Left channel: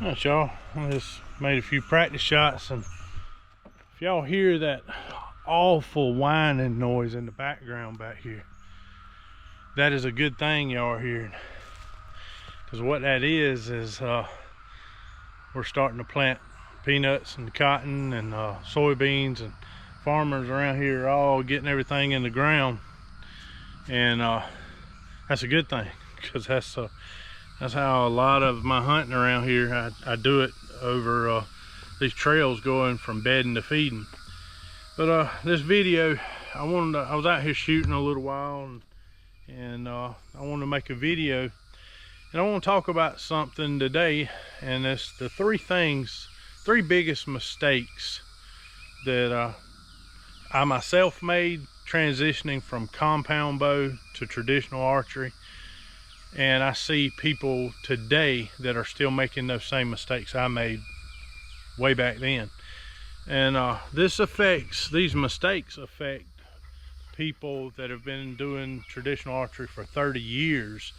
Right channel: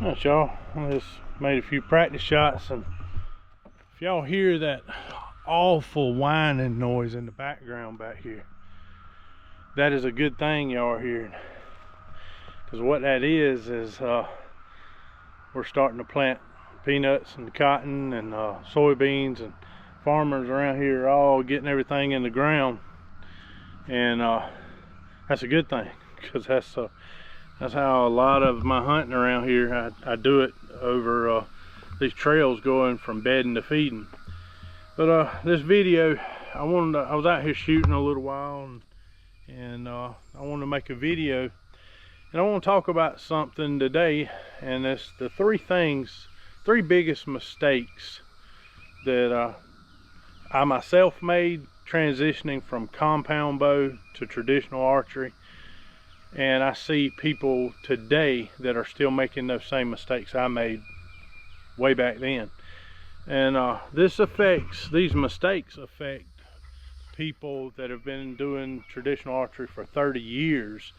All right, y'all, I just made a few practice shots, and if y'all hear that awful whining noise in the background back here, that is a good thing y'all are hearing, because what that is we're starting to plant peanuts and cotton and soybeans, and farmers around here are all getting everything in the ground, and that's a good thing, because that's how a lot of my hunting around here, I do it over these trails going from bedding to feeding. But this video, I was out here shooting a little while, and I wanted to make a video, and I want to talk about something today, and it's the three biggest mistakes that I myself made transitioning from compound bow to traditional archery. And I see people today that are still making those same mistakes I made way back then. And these mistakes affect people that have been doing traditional archery for 30 years,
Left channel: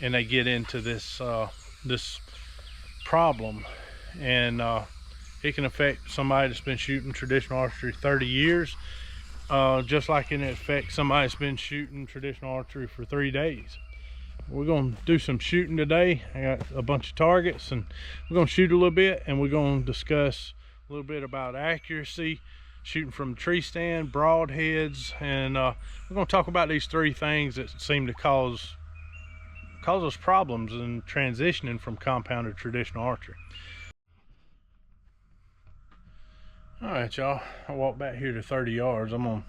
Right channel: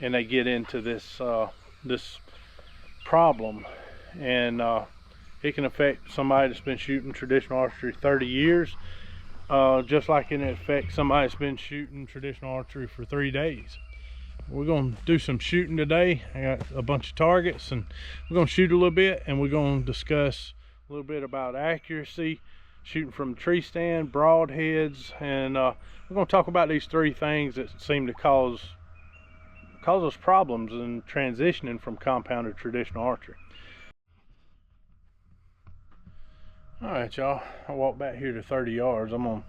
and they get into this problem. And it can affect somebody that's been shooting traditional archery 30 years, just like it affects somebody that's been shooting traditional archery for 3 days. We're going to do some shooting today. I got a bunch of targets, and we're going to shoot a little bit, and we're going to discuss a little bit about accuracy, shooting from tree stand, broadheads, and we're going to talk about these three things that seem to cause us problems in transitioning from compound to traditional archery. All right, y'all, I walked back here to 30 yards. I'm going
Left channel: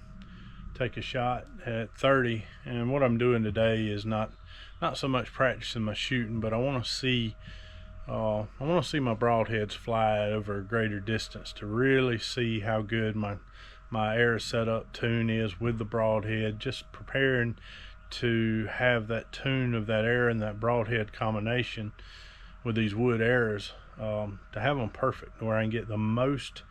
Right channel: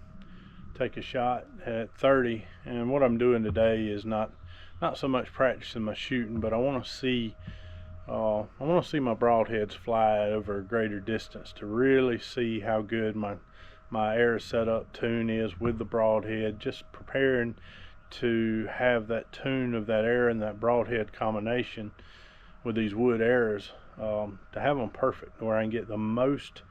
to take a shot at 30, and what I'm doing today is not so much practicing my shooting, but I want to see my broadheads fly over a greater distance to really see how good my arrow setup tune is with the broadhead, just preparing to have that tune of that arrow and that broadhead combination with these wood arrows, to have them perfect where I can get the most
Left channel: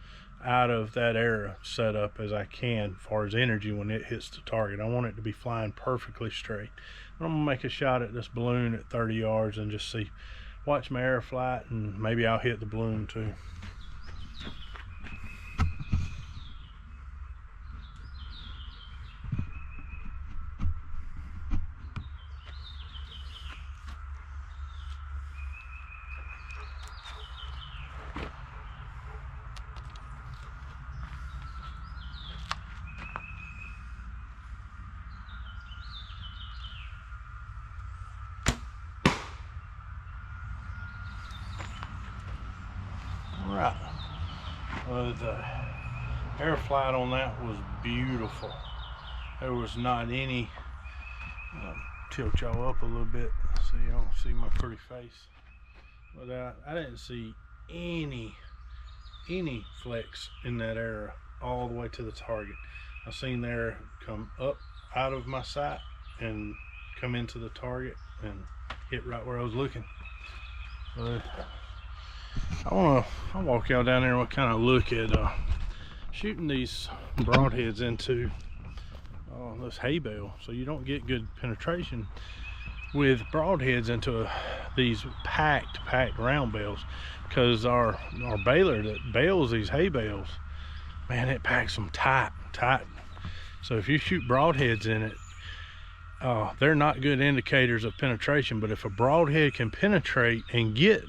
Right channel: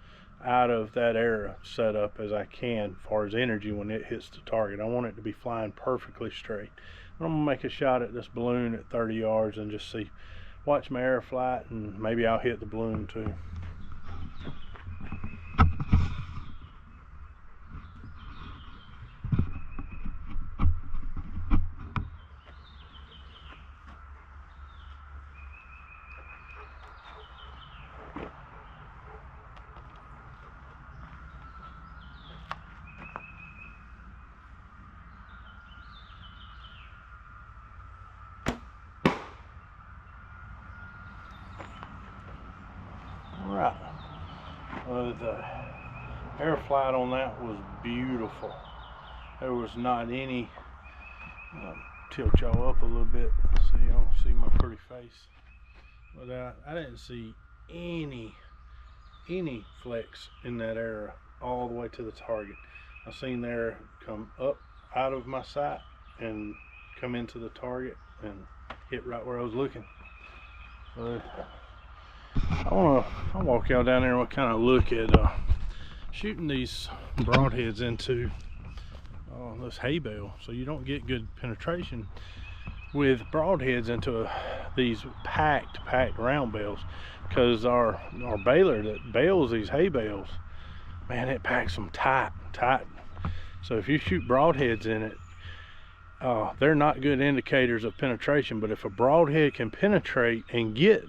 out of that arrow setup as I can as far as energy when it hits the target. I want it to be flying perfectly straight. I'm gonna make a shot at this balloon at 30 yards and just watch my arrow fly, and maybe I'll hit the balloon too. Right, the air flight on that was beautiful. There was not any, tilt y'all up a little bit so you don't see my pretty face, but I didn't see any flex in that arrow all the way to the target. I seen the arrow come up out of my sight and come into the target and hit right where I was looking. I'll walk y'all down there and we'll kind of look at shooting these broadheads into this hay bale, so you don't get good penetration with broadheads into these packed round bales, because our baler that bales these hay bales, man, it packs them tight. So if you shoot broadheads in it, they're not good indicators of penetration. But if a broadhead can penetrate and get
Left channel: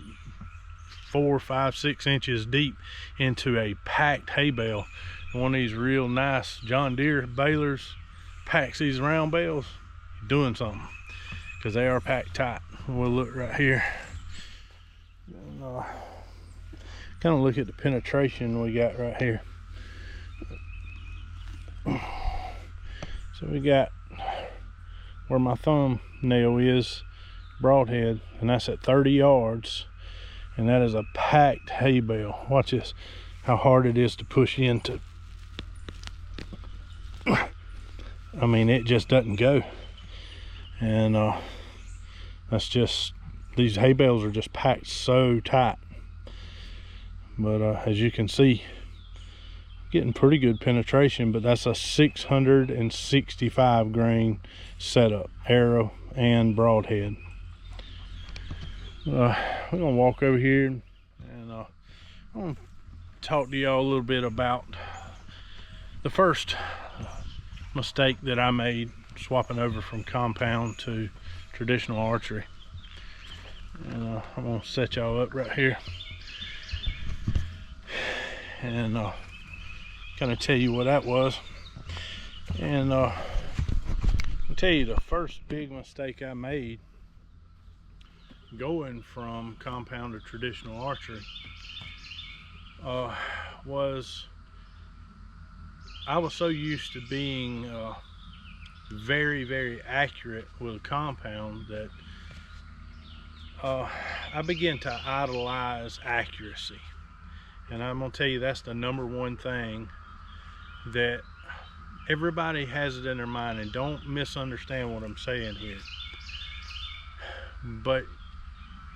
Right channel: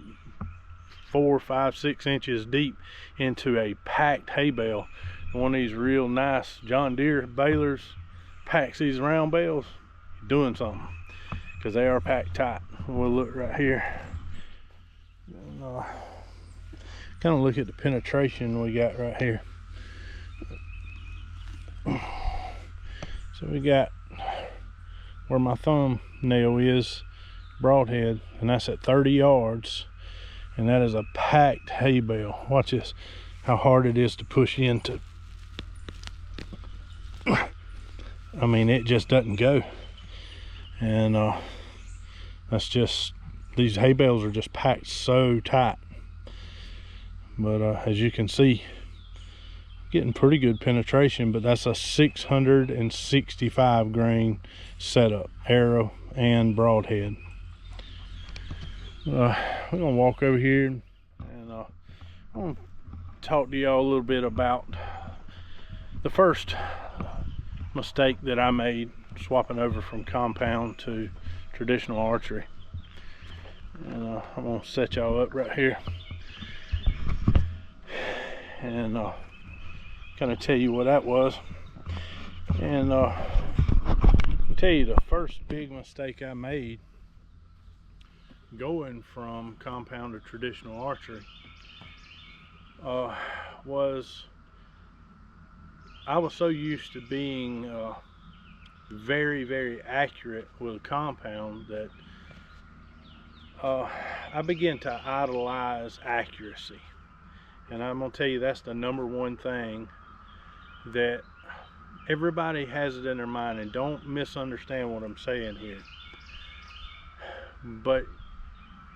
4, 5, 6 inches deep into a packed hay bale, one of these real nice John Deere balers packs these round bales, you're doing something, because they are packed tight. We'll look right here and kind of look at the penetration we got right here. So we got where my thumbnail is, broadhead, and that's at 30 yards. And that is a packed hay bale. Watch this, how hard it is to push into. I mean, it just doesn't go. And that's just, these hay bales are just packed so tight. But as you can see, getting pretty good penetration, but that's a 665 grain setup, arrow and broadhead. We're gonna walk over here and I want to talk to y'all a little bit about the first mistake that I made swapping over from compound to traditional archery. And I'm gonna set y'all up right here and kind of tell you what that was. And I'll tell you the first big mistake I made going from compound to traditional archery was I was so used to being very accurate with a compound that I began to idolize accuracy. And I'm gonna tell you, that's the number one thing that everybody has it in their mind, and don't misunderstand what I'm saying here, but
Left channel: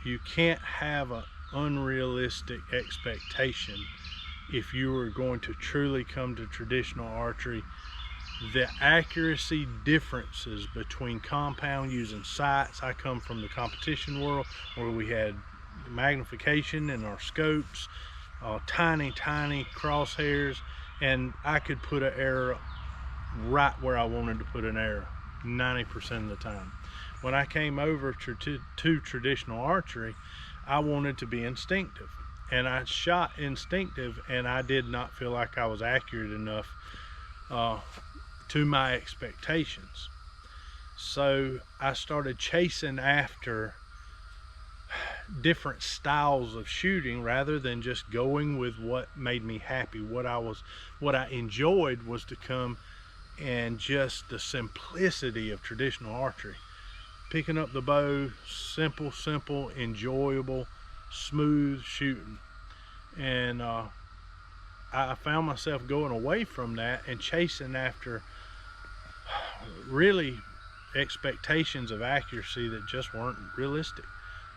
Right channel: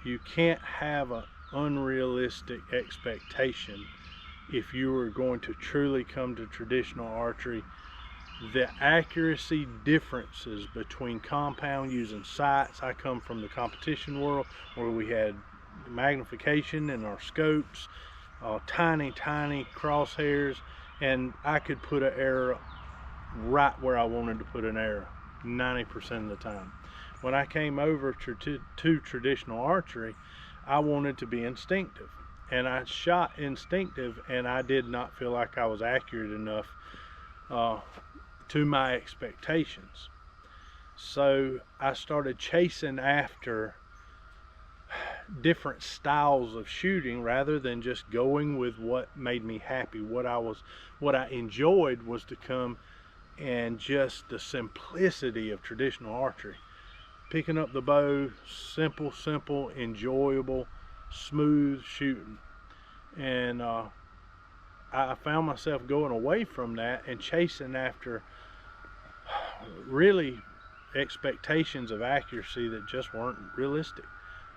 you can't have an unrealistic expectation if you are going to truly come to traditional archery. The accuracy differences between compound using sights — I come from the competition world where we had magnification in our scopes, tiny crosshairs, and I could put an arrow right where I wanted to put an arrow 90% of the time. When I came over to traditional archery, I wanted to be instinctive, and I shot instinctive, and I did not feel like I was accurate enough to my expectations. So I started chasing after different styles of shooting rather than just going with what made me happy. What I enjoyed was to come and just the simplicity of traditional archery. Picking up the bow, simple, enjoyable, smooth shooting. And I found myself going away from that and chasing after really expectations of accuracy that just weren't realistic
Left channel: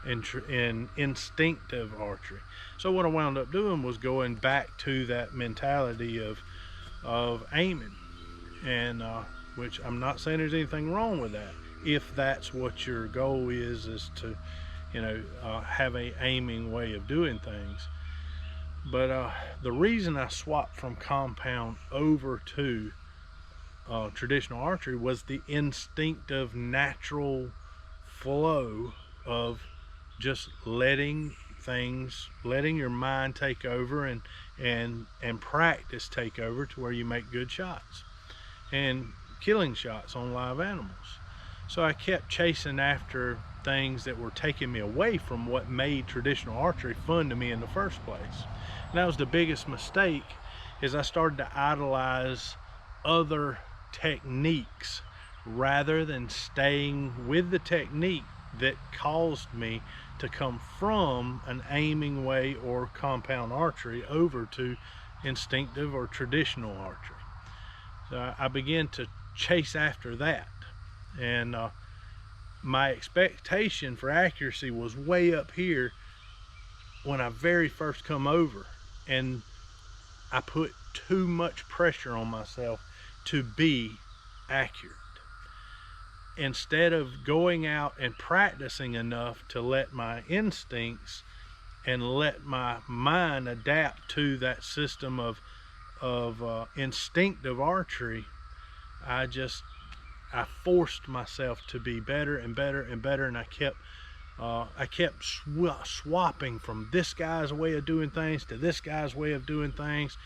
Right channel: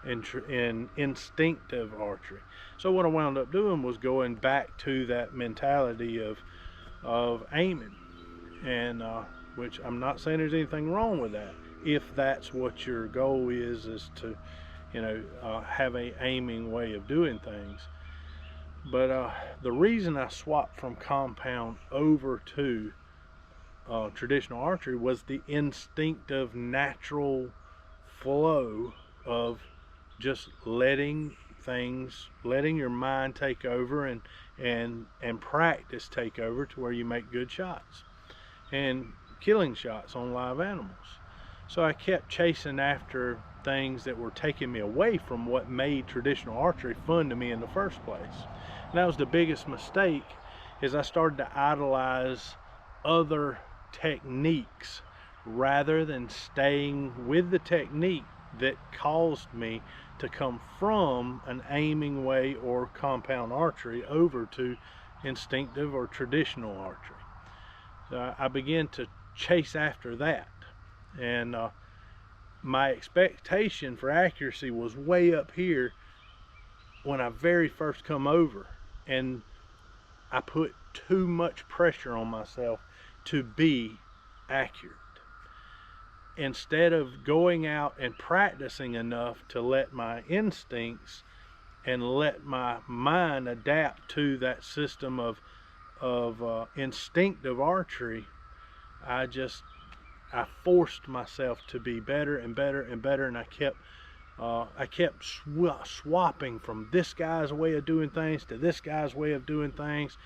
in instinctive archery. So what I wound up doing was going back to that mentality of aiming, and which I'm not saying there's anything wrong with that if that's what your goal is to have a aiming way of doing things. But the reason I swapped from compound over to traditional archery was the instinctive, natural flow of just letting your mind take over and practice take over to where you make good shots and killing shots on live animals. So I kept chasing after things that were taking me away from what made traditional archery fun to me in the first place. And that was the biggest mistake, is I started to idolize other techniques rather than staying with the technique that caused me to come from an aiming way or compound archery over to instinctive or traditional archery. So I began to chase after that, and my expectation for accuracy was way up here when I very first come over, and I put too much pressure on myself to be accurate instead of going out and practicing enough to let my instincts and let my mind adapt to that system of instinctive archery. I forced myself to be better and better, and I kept swapping from this guy's way of doing things to this guy's way of doing things,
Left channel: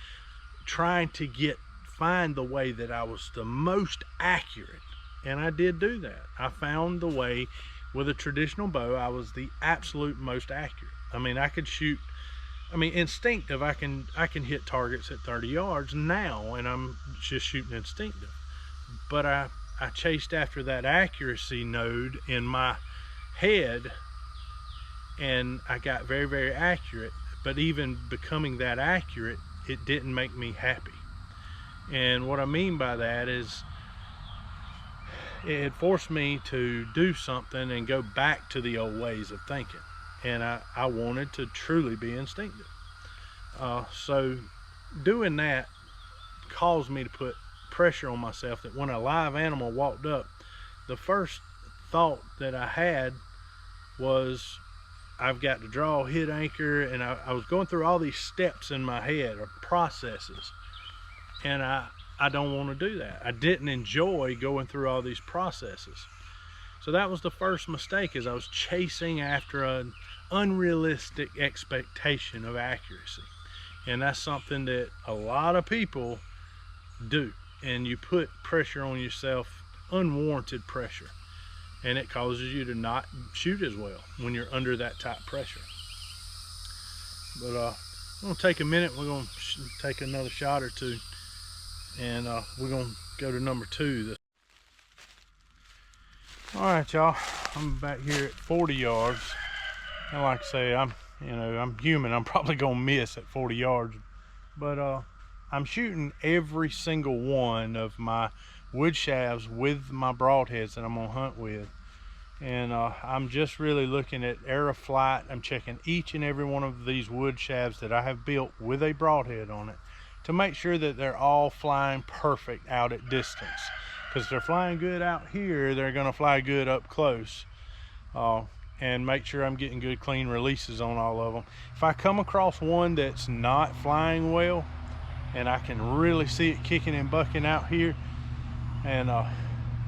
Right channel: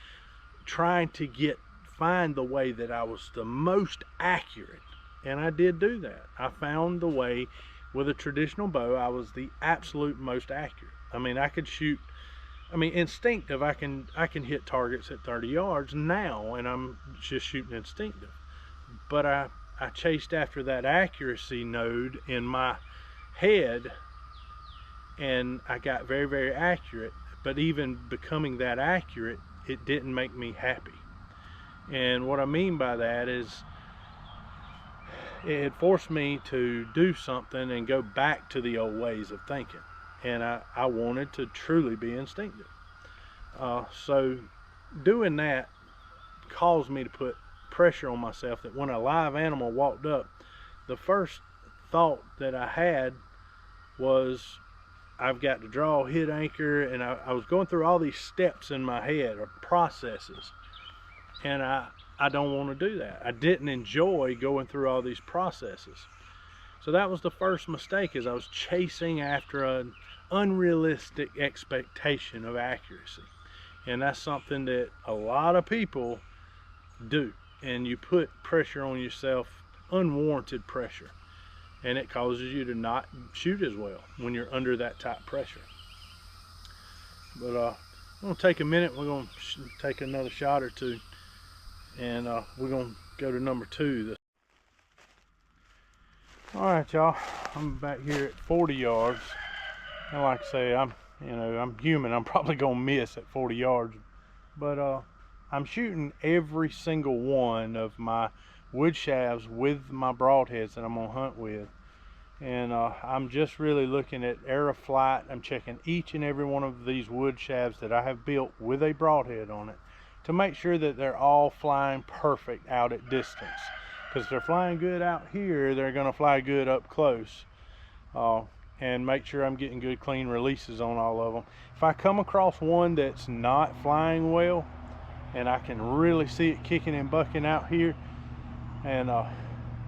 trying to find the way that I was the most accurate. And I did do that. I found the way with a traditional bow. I was the absolute most accurate. I mean, I could shoot, instinctive, I can hit targets at 30 yards now, and I'm just shooting instinctive. But I chased after that accuracy node in my head, and I got very accurate. But even becoming that accurate, it didn't make me happy. And what I mean by that is it forced me to do something and go back to the old ways of thinking. And I wanted to truly be instinctive. So doing that caused me to put pressure on myself, that when a live animal walked up, the first thought that I had was, I've got to draw, hit anchor, and I was going through all these steps in my head, or processes, and I don't want to do that. I didn't enjoy going through all these processes. So that was the first mistake, is I was chasing after an unrealistic expectation of accuracy. And that's something that a lot of people do. And you put pressure on yourself, unwarranted pressure. And it causes you to not shoot as well when you're under that type pressure. But I'm gonna take a minute, we're gonna take another shot or two, and we're gonna go to number 2. All right, y'all, I'm back here at 40 yards. And like I say, I'm human. I'm probably gonna miss at 40 yards, but I'm shooting every single one of my wood shafts with my broadheads that I'm gonna hunt with. And I'm just really looking at arrow flight. I'm checking each and every one of these wood shafts that I have built with a broadhead on it to make sure that they're all flying perfect out at distance. Because if they're flying good out here, they're gonna fly good up close. And make sure I'm getting good clean releases on all of them. If I come across one that's not flying well, and I can really see it kicking and bucking out here, and I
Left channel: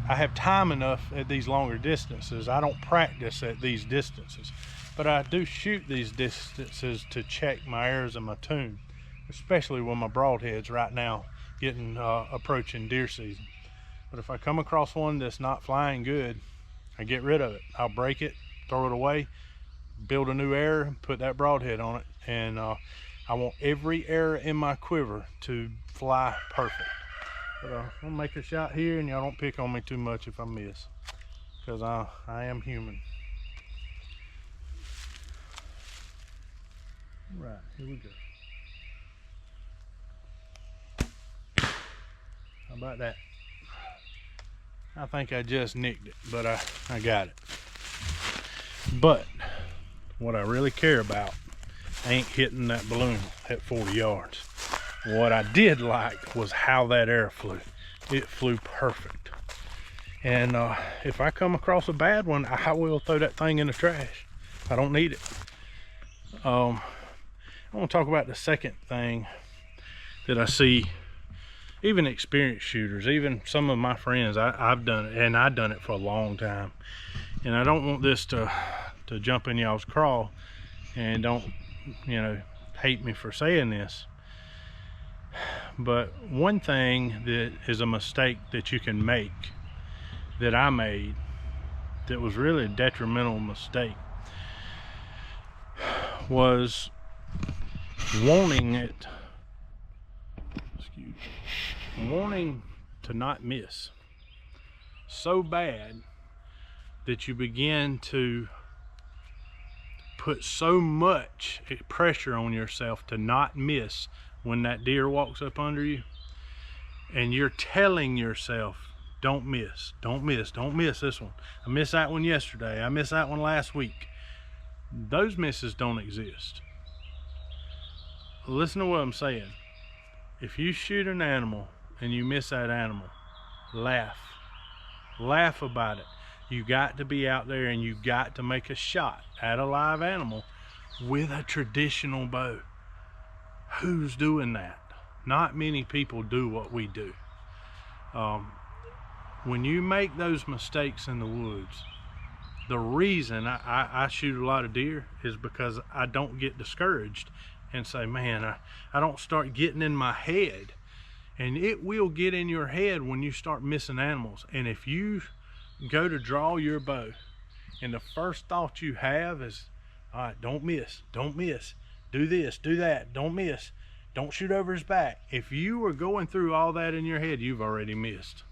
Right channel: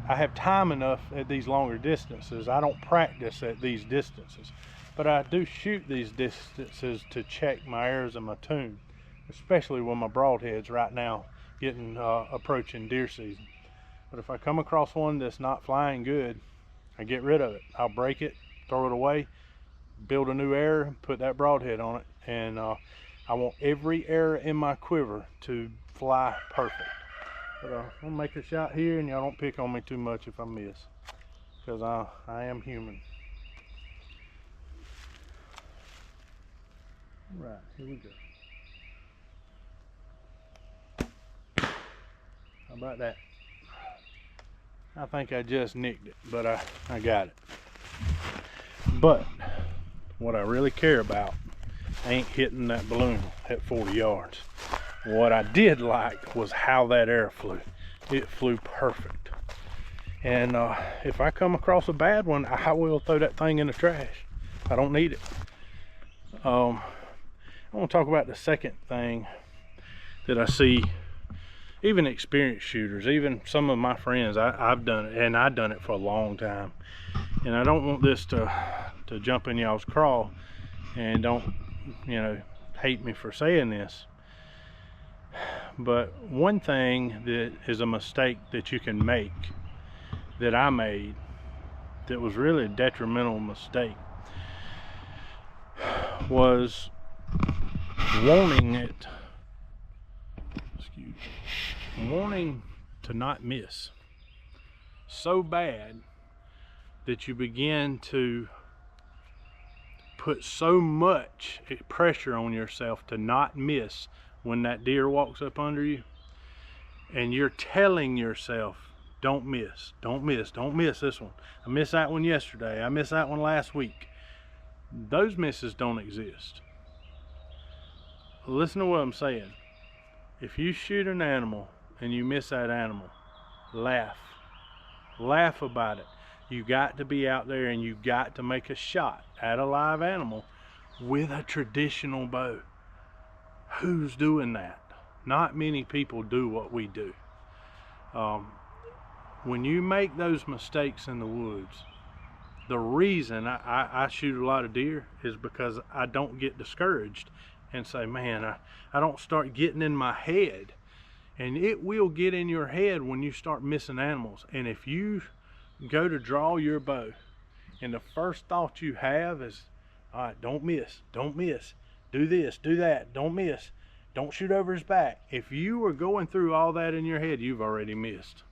have time enough at these longer distances. I don't practice at these distances, but I do shoot these distances to check my arrows and my tune, especially with my broadheads right now, getting approaching deer season. But if I come across one that's not flying good, I get rid of it. I'll break it, throw it away, build a new arrow, put that broadhead on it, and I want every arrow in my quiver to fly perfect. But I'm gonna make a shot here, and y'all don't pick on me too much if I miss, because I am human. Right, here we go. How about that? I think I just nicked it, but I got it. But what I really care about ain't hitting that balloon at 40 yards. What I did like was how that arrow flew. It flew perfect. And if I come across a bad one, I will throw that thing in the trash. I don't need it. I want to talk about the second thing that I see, even experienced shooters, even some of my friends, I've done it, and I've done it for a long time. And I don't want this to jump in y'all's craw, and don't, hate me for saying this. But one thing that is a mistake that you can make, that I made, that was really a detrimental mistake, was wanting to not miss so bad that you begin to put so much pressure on yourself to not miss when that deer walks up under you, and you're telling yourself, don't miss, don't miss, don't miss this one. I missed that one yesterday, I missed that one last week. Those misses don't exist. Listen to what I'm saying. If you shoot an animal and you miss that animal, laugh about it. You got to be out there, and you got to make a shot at a live animal with a traditional bow. Who's doing that? Not many people do what we do. When you make those mistakes in the woods, the reason I shoot a lot of deer is because I don't get discouraged and say, man, I don't start getting in my head. And it will get in your head when you start missing animals. And if you go to draw your bow, and the first thought you have is, all right, don't miss, do this, do that, don't miss, don't shoot over his back. If you are going through all that in your head, you've already missed.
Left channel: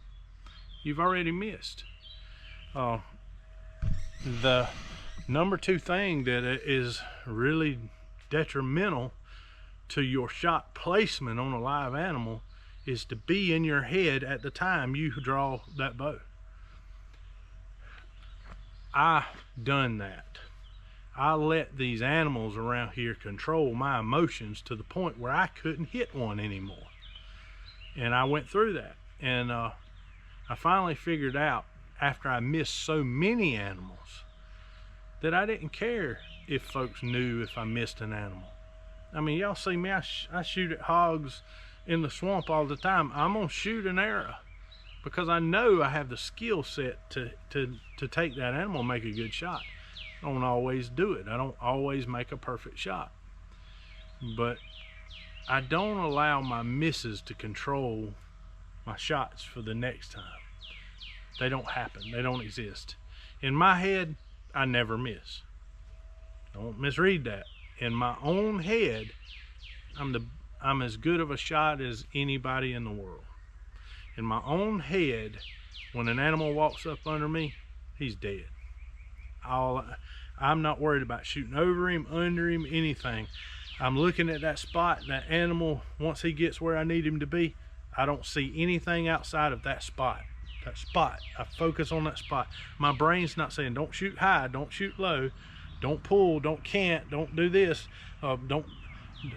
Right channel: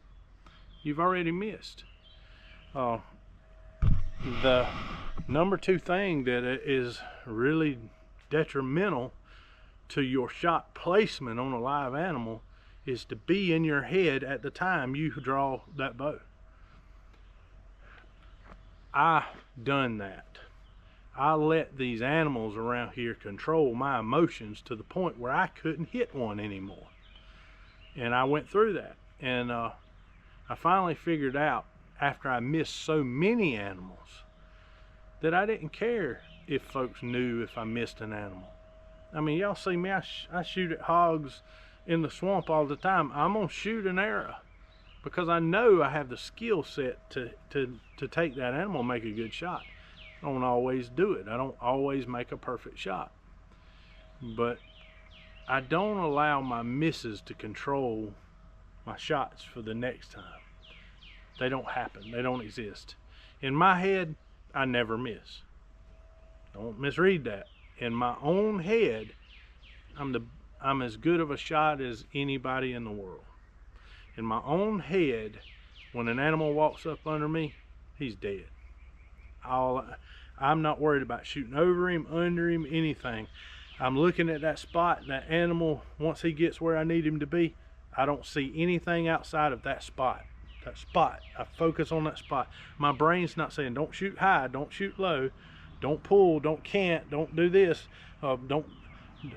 You've already missed. The number 2 thing that is really detrimental to your shot placement on a live animal is to be in your head at the time you draw that bow. I done that. I let these animals around here control my emotions to the point where I couldn't hit one anymore. And I went through that, and I finally figured out, after I missed so many animals, that I didn't care if folks knew if I missed an animal. I mean, y'all see me, I shoot at hogs in the swamp all the time. I'm gonna shoot an arrow because I know I have the skill set to take that animal and make a good shot. I don't always do it. I don't always make a perfect shot. But I don't allow my misses to control my shots for the next time. They don't happen. They don't exist. In my head, I never miss. Don't misread that. In my own head, I'm as good of a shot as anybody in the world. In my own head, when an animal walks up under me, he's dead. I'm not worried about shooting over him, under him, anything. I'm looking at that spot, that animal, once he gets where I need him to be, I don't see anything outside of that spot. That spot, I focus on that spot. My brain's not saying, don't shoot high, don't shoot low, don't pull, don't cant, don't do this, don't,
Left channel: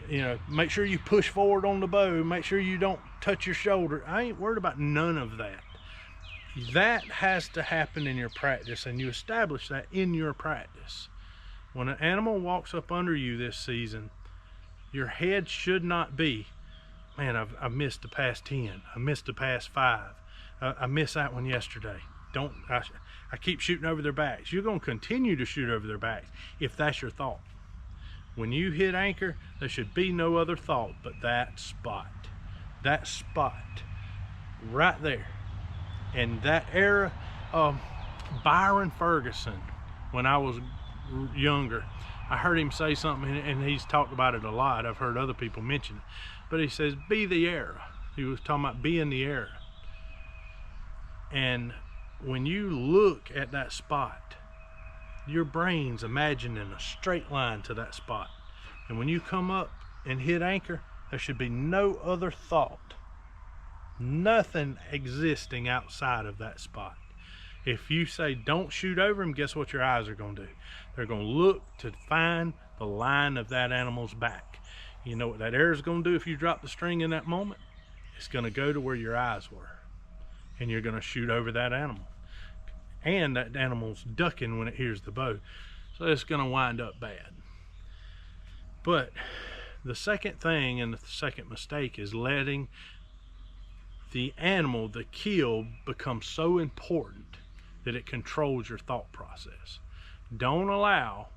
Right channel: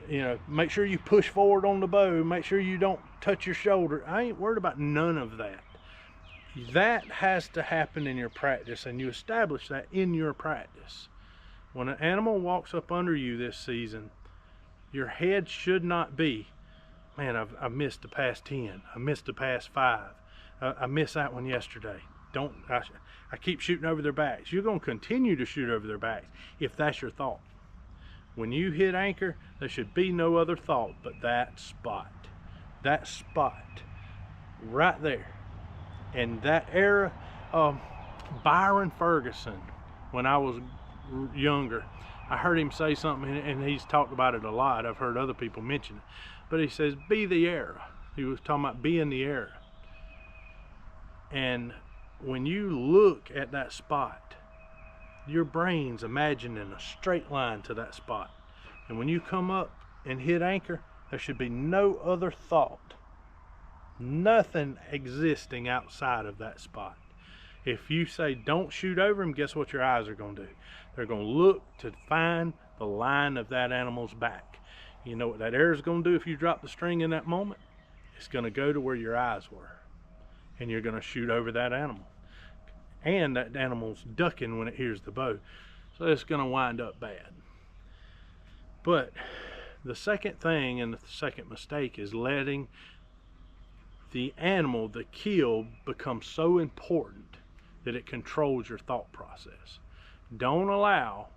you know, make sure you push forward on the bow, make sure you don't touch your shoulder. I ain't worried about none of that. That has to happen in your practice, and you establish that in your practice. When an animal walks up under you this season, your head should not be, man, I've missed the past 10, I missed the past 5, I missed that one yesterday. I keep shooting over their backs. You're going to continue to shoot over their backs if that's your thought. When you hit anchor, there should be no other thought but that spot right there. And that era, Byron Ferguson, when I was younger, I heard him say something, and he's talked about it a lot. I've heard other people mention it, but he says, be the era. He was talking about being the era. And when you look at that spot, your brain's imagining a straight line to that spot. And when you come up and hit anchor, there should be no other thought, nothing existing outside of that spot. If you say don't shoot over him, guess what your eyes are going to do? They're going to look to find the line of that animal's back. You know what that arrow is going to do if you drop the string in that moment? It's going to go to where your eyes were, and you're going to shoot over that animal. And that animal's ducking when it hears the bow, so it's going to wind up bad. But the second thing, and the second mistake, is letting the animal, the kill, become so important that it controls your thought process. Don't allow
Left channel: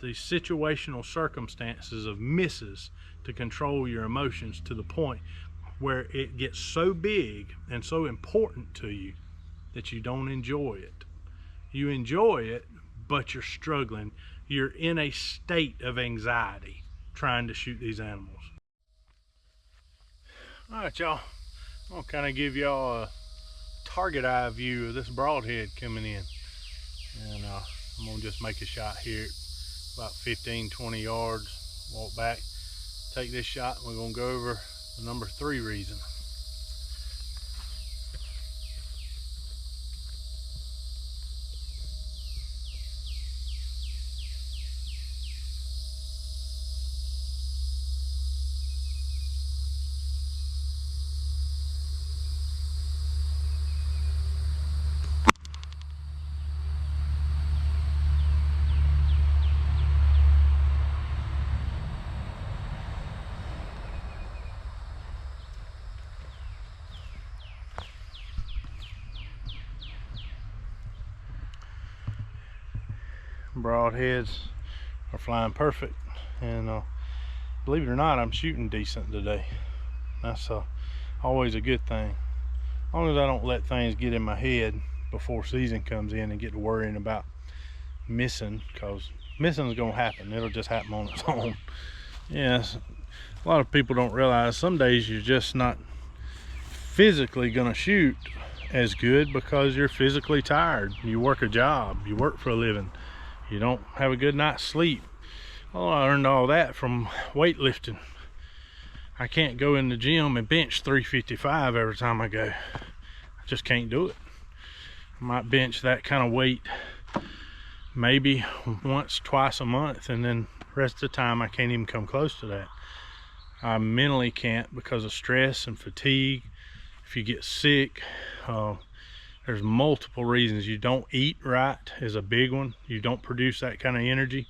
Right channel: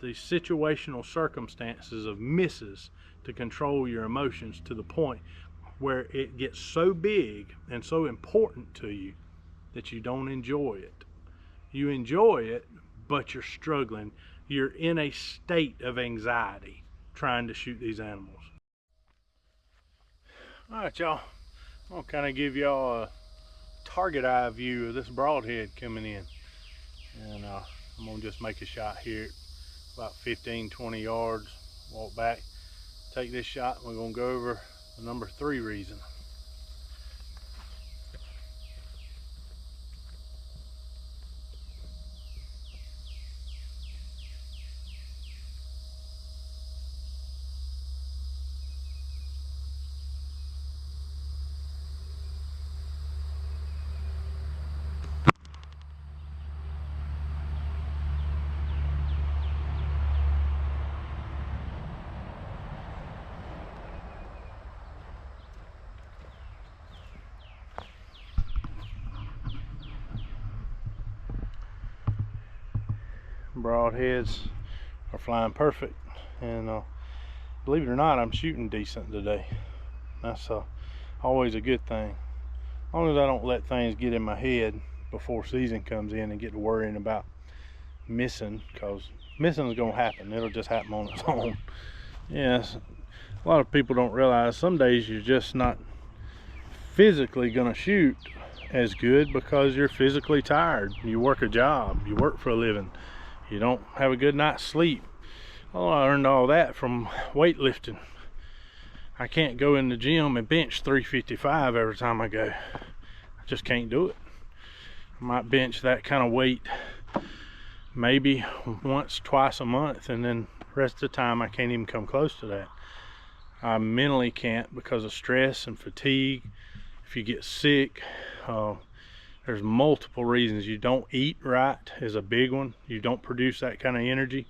the situational circumstances of misses to control your emotions to the point where it gets so big and so important to you that you don't enjoy it. You enjoy it, but you're struggling. You're in a state of anxiety trying to shoot these animals. All right, y'all. I'll kind of give y'all a target eye view of this broadhead coming in. And I'm gonna just make a shot here about 15-20 yards, walk back, take this shot, and we're gonna go over the number 3 reason. Broadheads are flying perfect, and believe it or not, I'm shooting decent today. That's always a good thing, as long as I don't let things get in my head before season comes in and get to worrying about missing, because missing is going to happen. It'll just happen on its own. Yes, a lot of people don't realize some days you're just not physically going to shoot as good because you're physically tired. You work a job, you work for a living, you don't have a good night's sleep. Well, I learned all that from weightlifting. I can't go in the gym and bench 355 every time I go. I just can't do it. I might bench that kind of weight maybe once, twice a month, and then the rest of the time I can't even come close to that. I mentally can't because of stress and fatigue. If you get sick, there's multiple reasons. You don't eat right is a big one. You don't produce that kind of energy.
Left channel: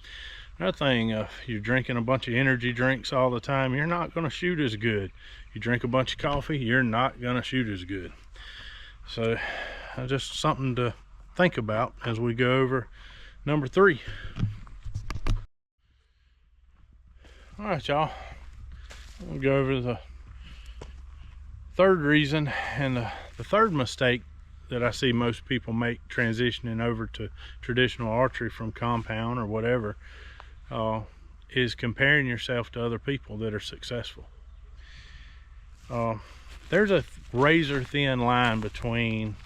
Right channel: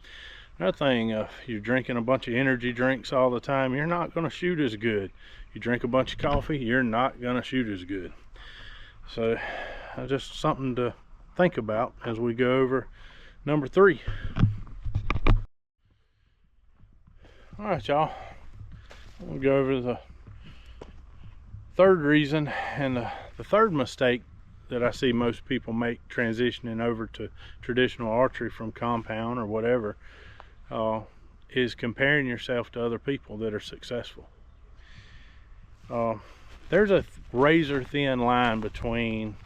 Another thing, if you're drinking a bunch of energy drinks all the time, you're not going to shoot as good. You drink a bunch of coffee, you're not going to shoot as good. So just something to think about as we go over number 3. All right, y'all, we'll go over the third reason, and the third mistake that I see most people make transitioning over to traditional archery from compound or whatever, is comparing yourself to other people that are successful. There's a razor thin line between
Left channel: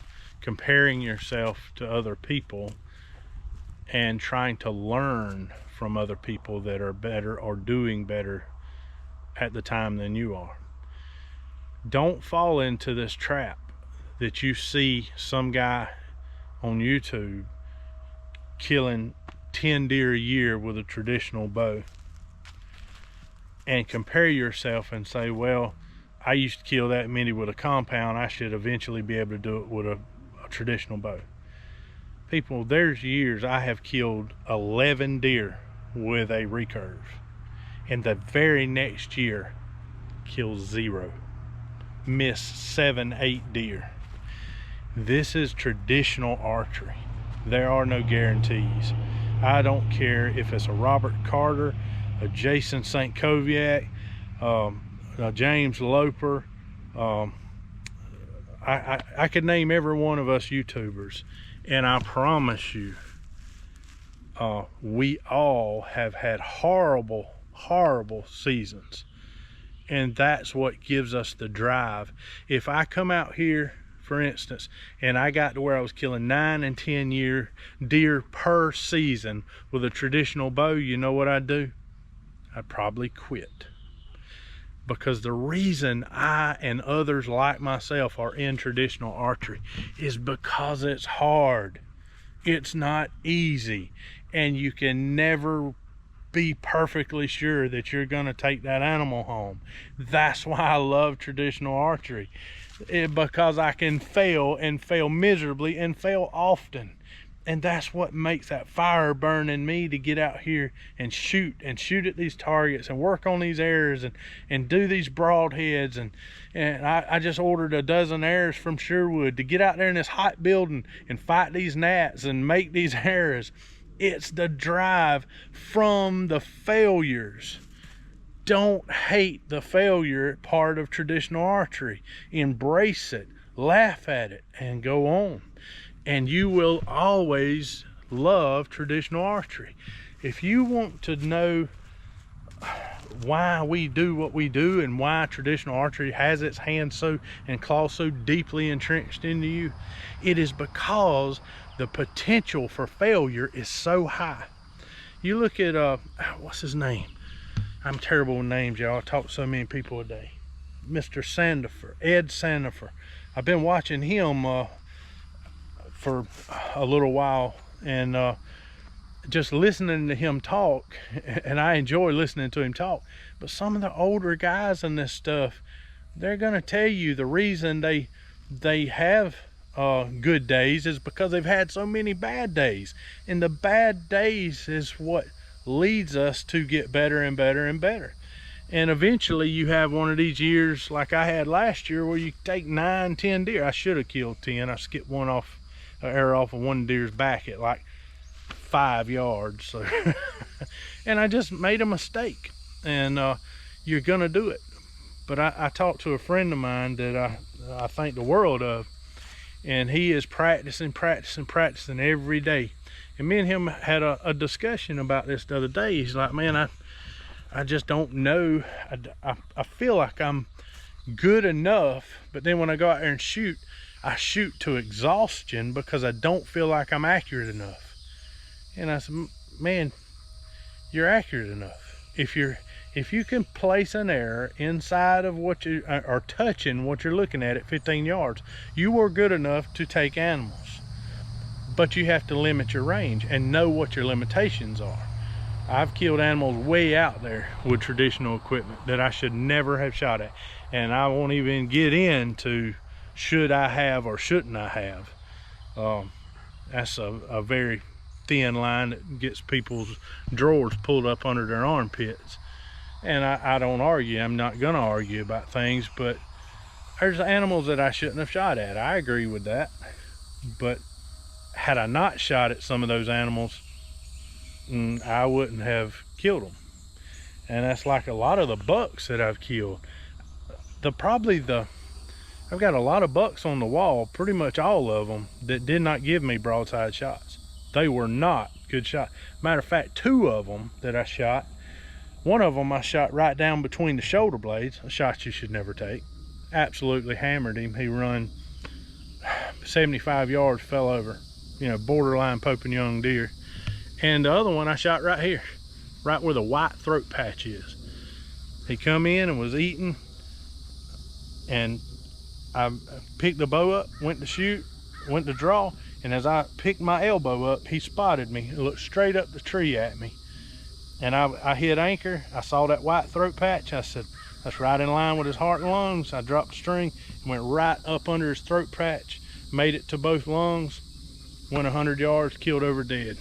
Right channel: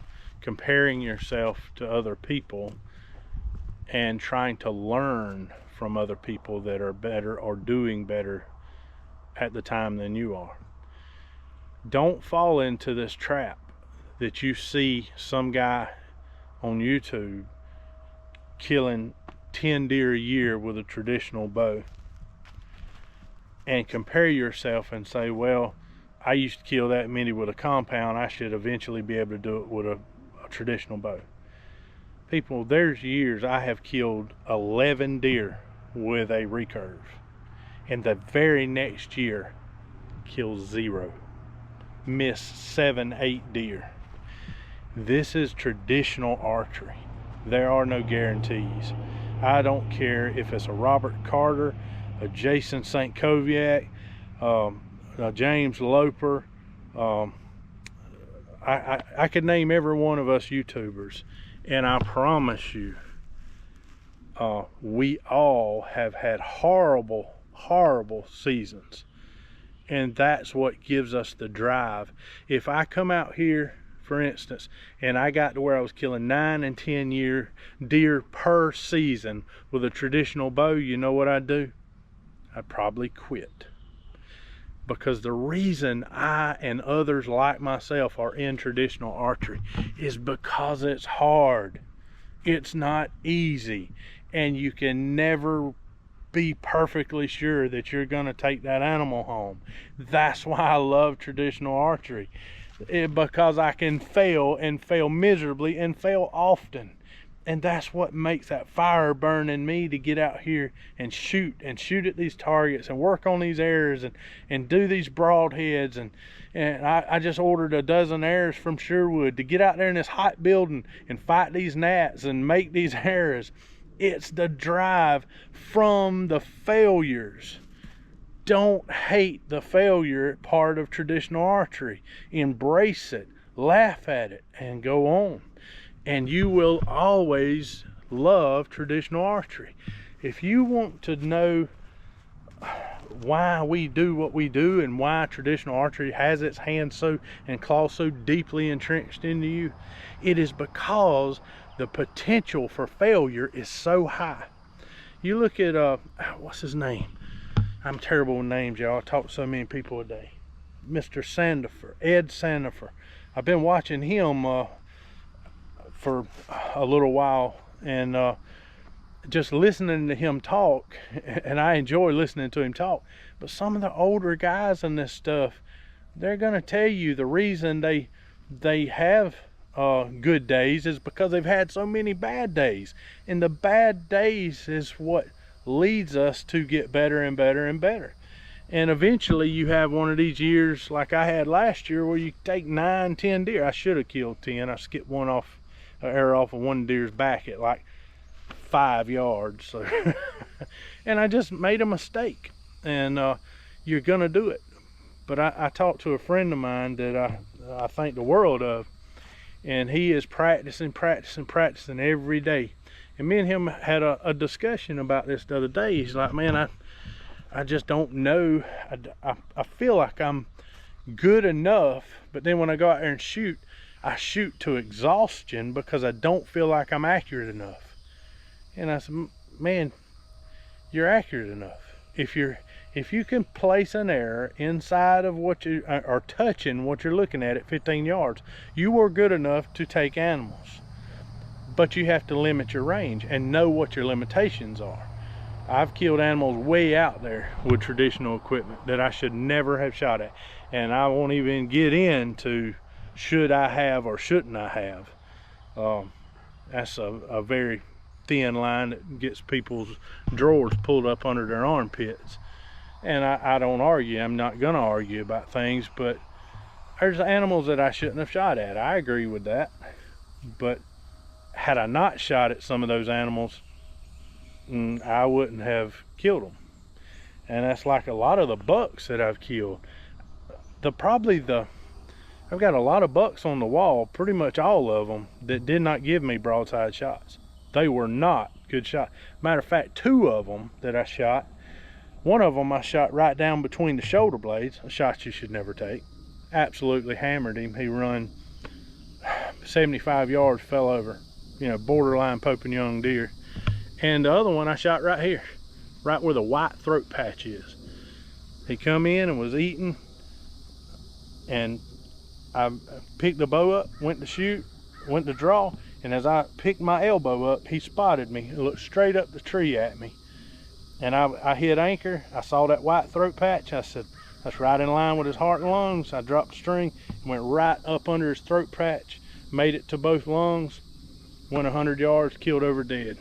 comparing yourself to other people and trying to learn from other people that are better or doing better at the time than you are. Don't fall into this trap that you see some guy on YouTube killing 10 deer a year with a traditional bow and compare yourself and say, well, I used to kill that many with a compound, I should eventually be able to do it with a traditional bow. People, there's years I have killed 11 deer with a recurve, and the very next year kill 0, miss 7, 8 deer. This is traditional archery. There are no guarantees. I don't care if it's a Robert Carter, a Jason St. Koviak, a James Loper. I could name every one of us YouTubers, and I promise you, we all have had horrible seasons, and that's what gives us the drive. If I come out here, for instance, and I got to where I was killing 9 and 10 deer per season with a traditional bow, you know what I'd do? I'd probably quit. Because the reason I and others like myself are in traditional archery is because it's hard. It's not easy, and you can never be perfectly sure that you're going to take that animal home. That's why I love traditional archery, because I can fail and fail miserably and fail often. And that's what makes that fire burn in me to get out here and shoot at these targets and work on these arrows and do these broadheads. And I just ordered a dozen arrows from Sherwood to get out there in this hot building and fight these gnats and make these arrows. It's the drive from the failures. Don't hate the failure part of traditional archery. Embrace it, laugh at it, and go on. And you will always love traditional archery. If you want to know why we do what we do and why traditional archery has its hands so and claws so deeply entrenched into you, it is because the potential for failure is so high. You look at what's his name? I'm terrible with names, y'all. I talk to so many people a day. Mr. Sandifer, Ed Sandifer. I've been watching him for a little while, and just listening to him talk, and I enjoy listening to him talk. But some of the older guys in this stuff, they're gonna tell you the reason they have good days is because they've had so many bad days, and the bad days is what leads us to get better and better and better. And eventually you have one of these years like I had last year where you take 9, 10 deer. I should have killed 10. I skipped one off, an arrow off of one deer's back at like 5 yards. So and I just made a mistake, and you're gonna do it. But I talked to a friend of mine that I think the world of, and he is practicing every day. And me and him had a discussion about this the other day. He's like, man, I just don't know. I feel like I'm good enough, but then when I go out there and shoot, I shoot to exhaustion because I don't feel like I'm accurate enough. And I said, man, you're accurate enough. If you can place an arrow inside of what you are touching, what you're looking at 15 yards, you are good enough to take animals. But you have to limit your range and know what your limitations are. I've killed animals way out there with traditional equipment that I should never have shot at. And I won't even get into should I have or shouldn't I have. That's a very thin line that gets people's drawers pulled up under their armpits. And I don't argue. I'm not gonna argue about things, but there's animals that I shouldn't have shot at. I agree with that. But had I not shot at some of those animals, I wouldn't have killed them. And that's like a lot of the bucks that I've killed. I've got a lot of bucks on the wall, pretty much all of them, that did not give me broadside shots. They were not good shots. Matter of fact, 2 of them that I shot, one of them I shot right down between the shoulder blades, a shot you should never take. Absolutely hammered him. He run 75 yards, fell over, you know, borderline Pope and Young deer. And the other one I shot right here, right where the white throat patch is. He come in and was eating, and I picked the bow up, went to shoot, went to draw, and as I picked my elbow up, he spotted me and looked straight up the tree at me. And I hit anchor. I saw that white throat patch. I said, that's right in line with his heart and lungs. I dropped the string and went right up under his throat patch, made it to both lungs, went 100 yards, killed over dead.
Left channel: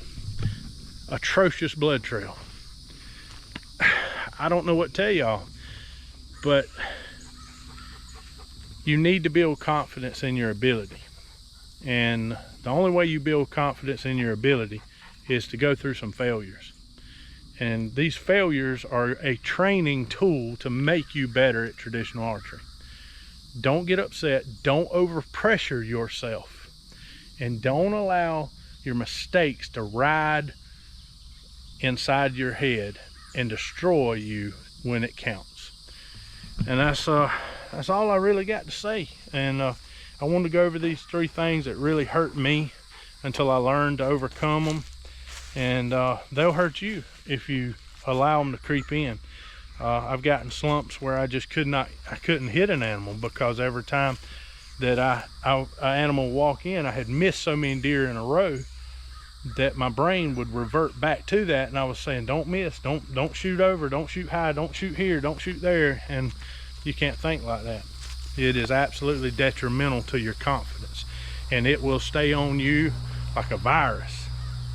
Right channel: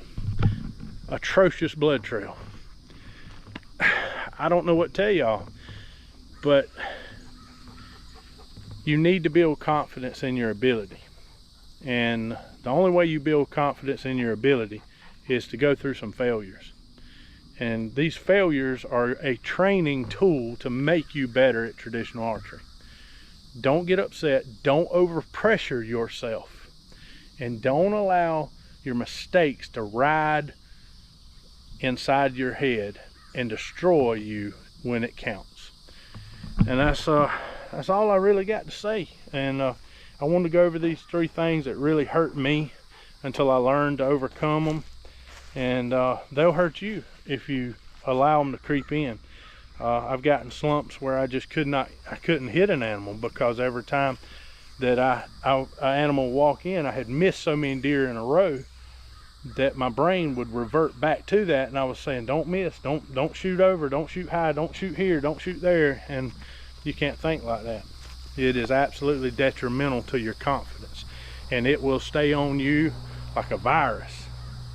Atrocious blood trail. I don't know what to tell y'all, but you need to build confidence in your ability. And the only way you build confidence in your ability is to go through some failures. And these failures are a training tool to make you better at traditional archery. Don't get upset. Don't overpressure yourself. And don't allow your mistakes to ride inside your head and destroy you when it counts. And that's all I really got to say. And I wanted to go over these 3 things that really hurt me until I learned to overcome them. And they'll hurt you if you allow them to creep in. I've gotten slumps where I just couldn't hit an animal, because every time that an animal walk in, I had missed so many deer in a row that my brain would revert back to that, and I was saying, don't miss, don't shoot over, don't shoot high, don't shoot here, don't shoot there. And you can't think like that. It is absolutely detrimental to your confidence, and it will stay on you like a virus.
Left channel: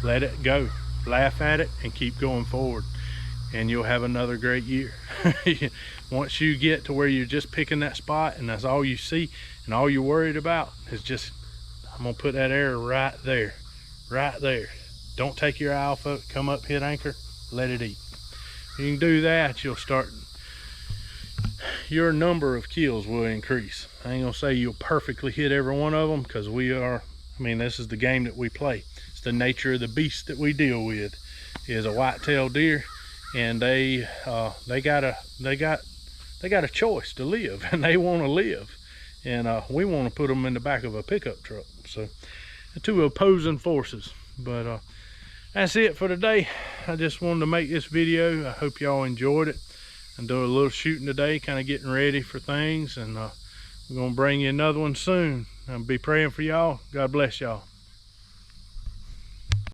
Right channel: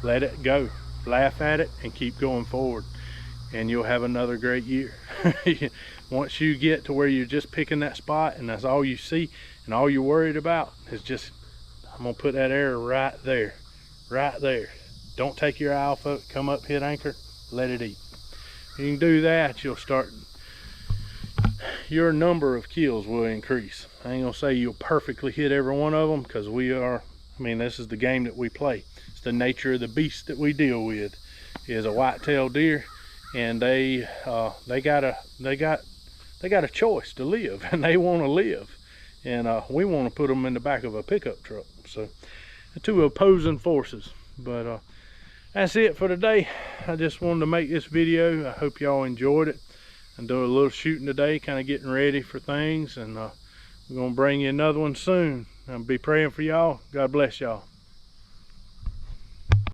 Let it go, laugh at it, and keep going forward, and you'll have another great year. Once you get to where you're just picking that spot and that's all you see and all you're worried about is just, I'm gonna put that arrow right there, right there. Don't take your eye off of it. Come up, hit anchor, let it eat. If you can do that, you'll start, your number of kills will increase. I ain't gonna say you'll perfectly hit every one of them, because this is the game that we play. It's the nature of the beast that we deal with, is a white-tailed deer, and they got a choice to live, and they want to live, and we want to put them in the back of a pickup truck. So 2 opposing forces. But that's it for today. I just wanted to make this video. I hope y'all enjoyed it. I'm doing a little shooting today, kind of getting ready for things, and we're gonna bring you another one soon. I'll be praying for y'all. God bless y'all.